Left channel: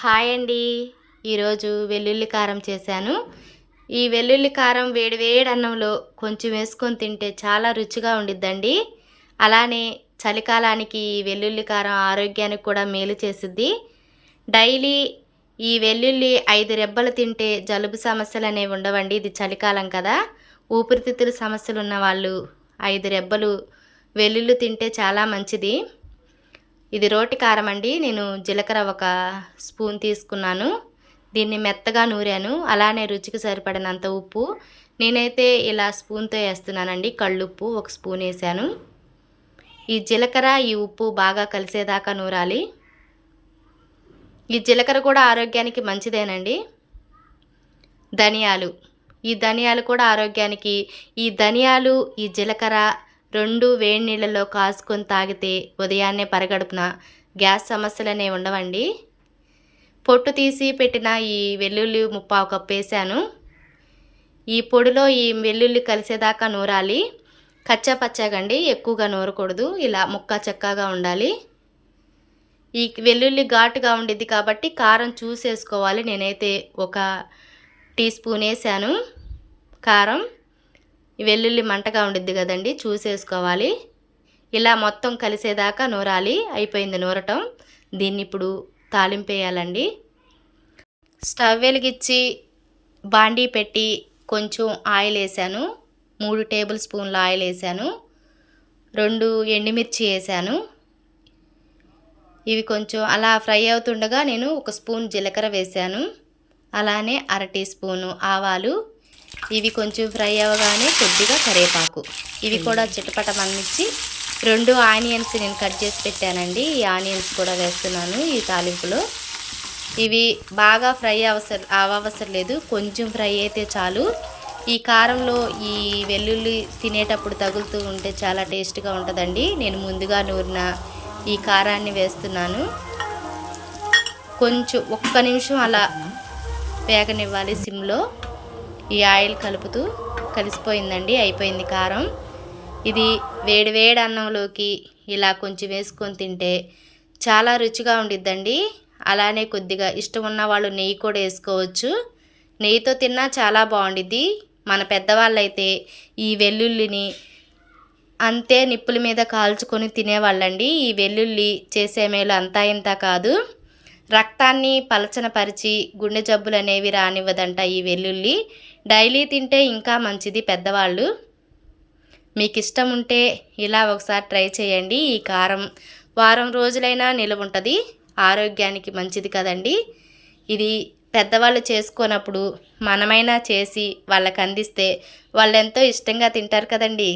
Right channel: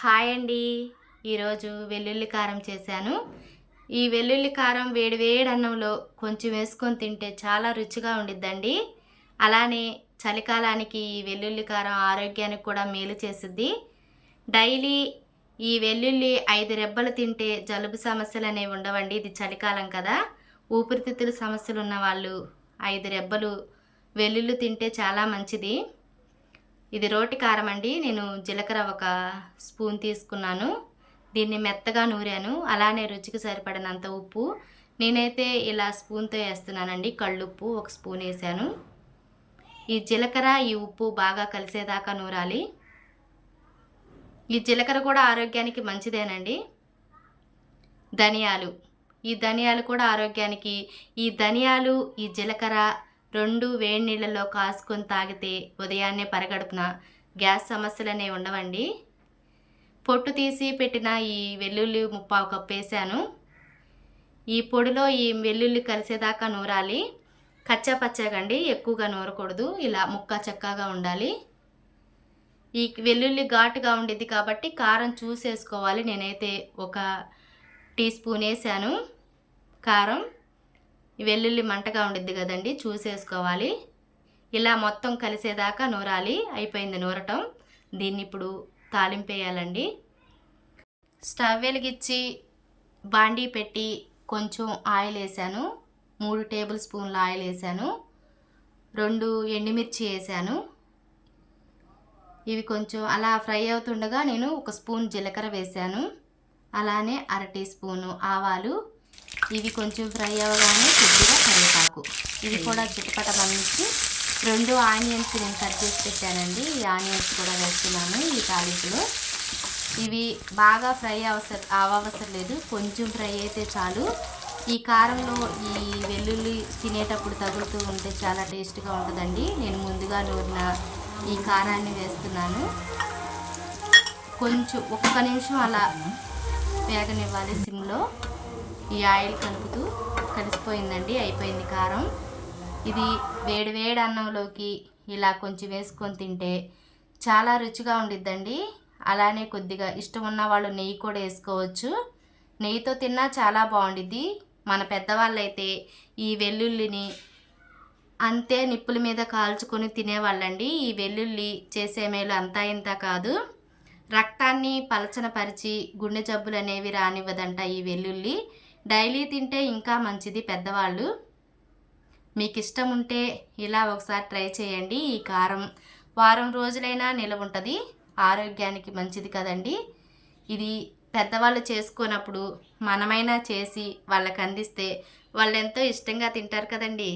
Hi అండి. ఈరోజు వెల్లుల్లి కారం చేశాను. ఈ వెల్లుల్లి కారం వేడి వేడి అన్నంలో కొంచెం వేసుకొని తింటే చాలా రుచిగా ఉండిద్దండి. అలానే చలికాలానికి ఈ వెల్లుల్లి కారం ఆరోగ్యానికి కూడా మేలు చేసిద్ది. డైలీ ఈ వెల్లుల్లి 5 రెబ్బలు తింటే జలుబు సమస్యలు అనేవి ఉండవండి. ఇది చలికాలం కదా! ఊపిరితిత్తుల సమస్యలు ఉన్నవాళ్ళు 5 రెబ్బలు వెల్లుల్లి తింటే చాలా మంచిది. ఇది రోటి కారం అండి. నేను జీలకర్ర ఒక స్పూన్ తీసుకున్నాను. దీన్ని మెత్తగా నూరాను. అలానే రుచికి సరిపడినంత ఉప్పు. నేనైతే ఇలా స్పూన్‌తో ఏస్తున్నానండి. కళ్ళుప్పు ఒక స్పూన్ ఏశాను. ఈ జీలకర్ర, ఈ ఉప్పు బాగా కలిసేదాకా నూరాలి. ఈ జీలకర్ర కూడా ఆరోగ్యానికి మంచిదేనండి. ధనియాలు. ఈ ధనియాలు కూడా ఆరోగ్యానికి ఈ ధనియాలు, ఈ జీలకర్ర 2 వేడి నీళ్ళలో కాసుకొని తాగితే ఉదయాన్నే పరగడుపున గ్యాస్ సమస్యలనేవి ఉండవండి. పొట్టు తీసి పెట్టిన ఈ వెల్లుల్లి ముప్పావు కప్పు వేసాను. ఈ పొడిలో ఈ వెల్లుల్లి కలిసేదాకా నూరాలి. కచ్చా పచ్చాగండి, ఎక్కువగా నూరకూడదు. ఇలా ముక్క చెక్కగా ఉండాలి. ఈ వెల్లుల్లి ఘాటుగా ఉండిద్ది కాబట్టి కారం చూసేసుకోవాలి. నేనైతే ఒక టీ స్పూన్ వేసాను కారం. వెల్లుల్లి మంటగా ఉండిద్ది కదండి, చూసేసుకోవాలి. ఇలా మొత్తం కలిసేదాకా నూరాలి. అయిపోయింది నూరటం. దీన్ని ఇప్పుడు తాలింపేయాలండి. స్టవ్ వెలిగించి బాండీ పెట్టి కొంచెం ఆయిల్ వేసాను. 3 టేబుల్ స్పూన్ల ఆయిల్ వేసాను. 2 ఎండుమిర్చి వేసాను. ఇవి కొంచెం అలా ఫ్రై అవుతుండగా నేను ఒక స్పూన్ జీలకర్ర వేసాను. అలానే అర టీ స్పూను ఆవాలు. ఇవి కొంచెం ఫ్రై అవ్వగానే కొద్దిగా కరివేపాకు. ఇవి కూడా చిటపటమనిచ్చి 2 ఆనియన్స్ నేను కట్ చేసి పెట్టానండి. ఈ ఆనియన్స్ కూడా వేస్తున్నాను ఈ తాలింపులో. ఇవి బాగా ఫ్రై అవ్వవసరం లేదు, కొంచెం ఫ్రై అయితే చాలు. ఈ కారంలో ఈ వెల్లుల్లి తినేటప్పుడు తగులుతూ ఉంటే చాలా టేస్ట్గా ఉంటుందండి. నేను ముందుగా నూరిన ఈ కారాన్ని వేస్తున్నాను. కొంచెం ఒక్క నిమిషం అలా వేగనివ్వాలి సిమ్లో. ఈ ఆయిల్ కలుపుతూ కలిసిపోయిందండి. అయిపోయింది కారం. ఇది వేడి వేడి అన్నంలోకి ఇలా కొంచెం వేసుకొని తింటే చాలా రుచిగా ఉండిద్దండి. అలానే కొద్దిగా ఇష్టం ఉన్న వాళ్ళు నెయ్యి కూడా వేసుకోవచ్చు. నెయ్యితో తిన్నా చాలా బాగుండిద్ది. మన పెద్దవాళ్ళైతే ఈ వెల్లుల్లిని అంతే నిప్పుల మీద కాల్చుకొని తినేవాళ్ళండి. ఈ వెల్లుల్లి చేసే మేలు అంతా ఇంత కాదు. రక్తాన్ని పలచన పరిచి గుండె జబ్బులు అనేవి రానివ్వదంట ఈ వెల్లుల్లి. డైలీ తింటే ఇంకా మంచిది పెద్దవాళ్ళు. మీకు ఇష్టం ఉంటే ఇలా ఒకసారి ట్రై చేయండి. ఈ కారం వారం రోజులైనా నిలవ ఉంటుంది. ఆరోగ్యానికి మంచిది కదండి. ఇది పెద్దవాళ్ళు చేసుకోనప్పుడు మనమైనా చేసి వాళ్ళకి అందిస్తే వాళ్ళు ఎంతో ఇష్టంగా తింటారు కదండి.